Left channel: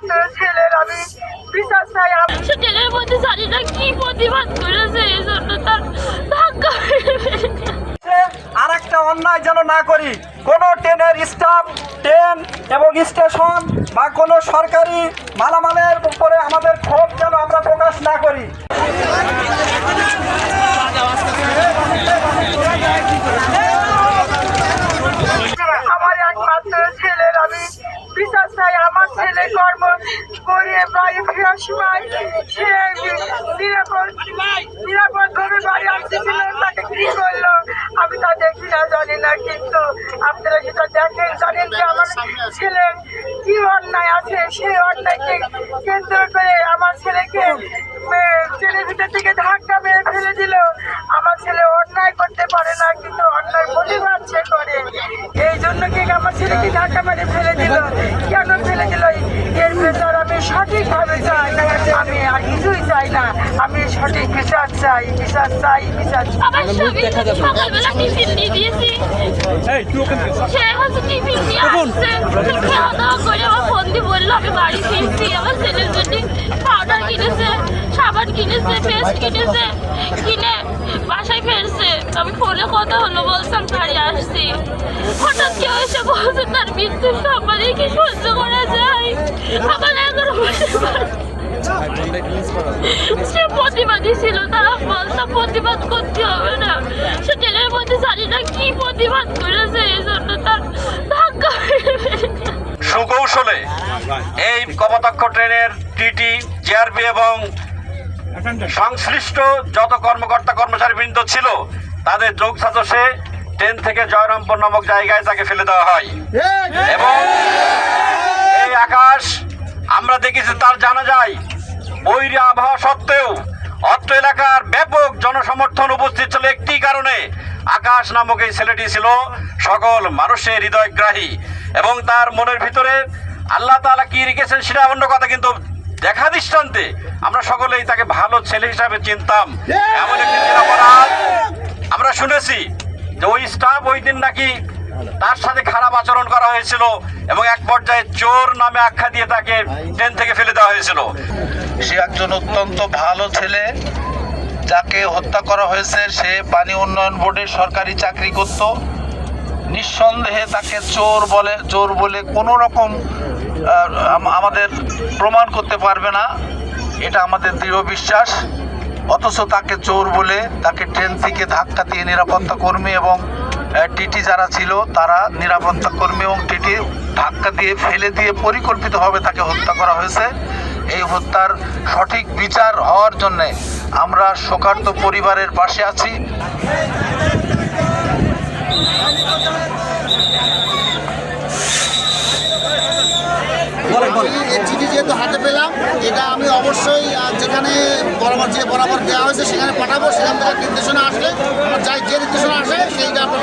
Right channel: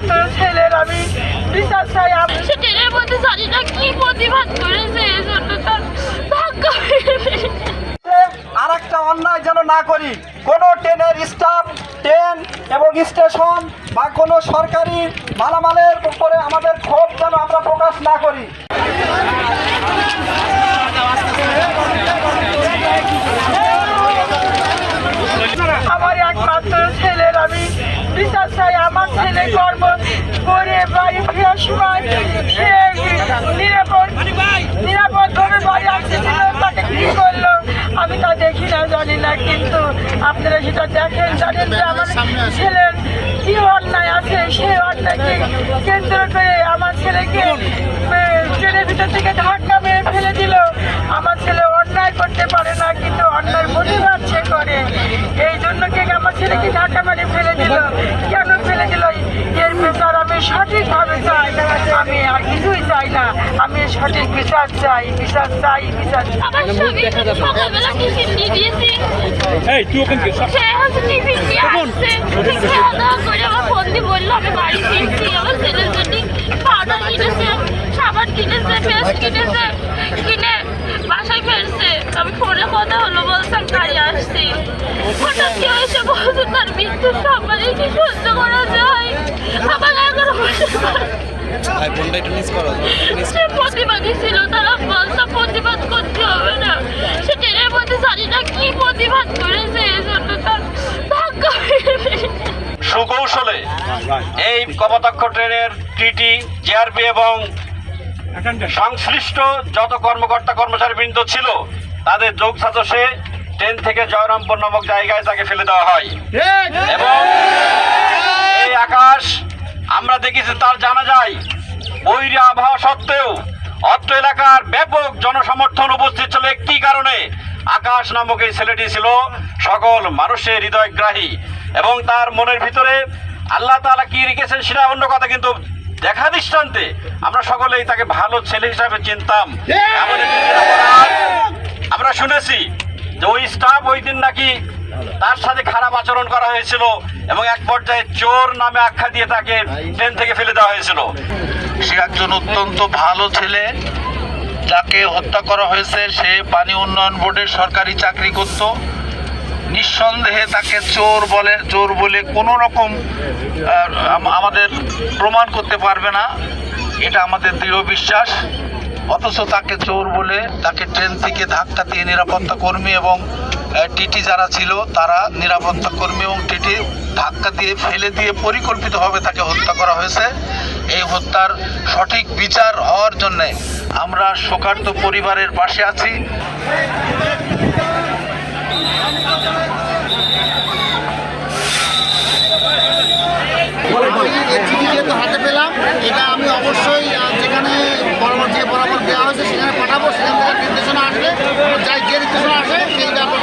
একমাত্র ছেলের আমি বিচার চাই। সে ট্রেনের মধ্যে জানি না কি প্রতিবাদ করেছে, এই জন্য তার ভাগ্য। আর একটা অন্যায় যেন না করি, কোনো ট্রেনের স্টাফ, ট্রেন এবং স্টেশন বা কোনো সরকারি মালামালের উপরে আমাদের ক্ষোভ যেন আমরা প্রকাশ না করি। আমার একমাত্র ছেলের আমি বিচার চাই। আমার ছেলে কর্ম করে বাড়ি ফেরার সময় সে নিরাপদভাবে বাড়ি আসতেছিল, তাকে কি করলো আমি তা দেখি না, জানি না, কিন্তু আপনারা সেটা দেখেন, জানেন যে আমার ছেলের কি অন্যায় আছে। সেই অন্যায়কে কেন্দ্র করে আমার ছেলেকে ট্রেনের ভিতর থেকে ধাক্কা মেরে ফেলে দিল। আমার ছেলে অন্যায় করতে পারে না, কিন্তু অন্যায় প্রতিবাদ সে করে। এই জন্য কি আমার ছেলেকে ধাক্কা মেরে ফেলে দিল, কেন ফেলে দিল, এর বিচার আমি সঠিকভাবে চাই। আমি আর কিছুই চাই না, আমি সঠিক বিচার চাই, বিচার চাই, বিচার। আমার স্বামী সকালবেলা টিফিন দিয়ে দিয়েছি, সে হচ্ছে টিফিন দিয়ে আসছে, খাওয়া দাওয়া করে আমার ফোন দিয়ে বললো আমি বাড়ি ফিরছি। আমার ছেলের জন্য খাওয়া কিনেছে, সাবান কিনেছে, পেস্ট কিনেছে, কিনে বাসায় ফেরছে। আমি ফোনে কথা হলো, বলতাম গাড়ি আসছি, হঠাৎ কেউ এসে বলছে তার মৃত্যুর সম্মানে কি সহ্য করা যায়। আমার 11 বছর সে প্রতিবাদী ছিল, তারা বলতো প্রতিবাদ করতে হবে না। সে ট্রেনের মধ্যে জানি না কি প্রতিবাদ করেছে, এই জন্য তার ভাগ্য। সুকৌশলে এই কপোতাক্ষ ট্রেনের টিটি, জিআরপি এবং সংশ্লিষ্ট যত কর্মকর্তা কর্মচারীবৃন্দ ছিল তাদের যোগ সাজসে ট্রেন থেকে জয়রামপুর নামক জায়গায় তাকে ফেলে দেওয়া হয়। এবং এই আকাশ আমরা দেখেছি, তার জানা যায় বৈরী আবহাওয়া সত্ত্বেও অত্র এলাকার ব্যাপক জনসমর্থন উপস্থিত ছিল একটি কারণে, আকাশ নামক এই ছেলেটি ছিল সকল মানুষের হৃদয়গ্রাহী এবং তার মনের ভিতরে আল্লাহ তাআলা কি রেখেছেন সেটা অন্য কথা, কিন্তু দেখা দৃষ্টান্তে আমরা সকলেই তাকে ভালো ছেলে হিসাবে চিনতাম। এমন একটি নিরাপরাধ আমরা শুনেছি যে ওই স্টাফ ওই দিন নাকি তার সাথে খারাপ আচরণ করা হয়েছিল এবং এক পর্যায়ে চোর নামে আখ্যা দিয়ে তাকে ট্রেন থেকে ফেলে দেওয়া হয়েছিল। সে একজন অত্যন্ত ভালো ছেলে, যাকে হত্যা করা হয়েছে সে পানি উন্নয়ন বোর্ডের সরকারি চাকরি করত। নিঃসন্দেহে তাকে চোর বলে কোনো রকম আমাদের প্রমাণ করতে পারবে না, এটা আমাদের দৃঢ় বিশ্বাস। অথচ তাকে চোর বলে তাকে ট্রেন থেকে ধাক্কা দিয়ে নিরাপত্তা কর্মী এবং টিটি যারা ছিল তারা নিরাপত্তা কর্মী এবং টিটি ধাক্কা দিয়ে ফেলে দিয়ে পরিকল্পিতভাবে তাকে হত্যা করা হয়েছে। এই হত্যার সঠিক বিচার হওয়ার জন্যে আমরা শোকার্ত পরিবারের পাশে আছি। চিঠি যেহেতু হাতে পেলাম, এটা আমি অবশ্যই যেখানে বরাবর দেওয়া হয়েছে সেখানে পাঠাবো। সেখান থেকে নির্দেশনা আসলে যে নির্দেশনা আসে সেই ব্যাপারে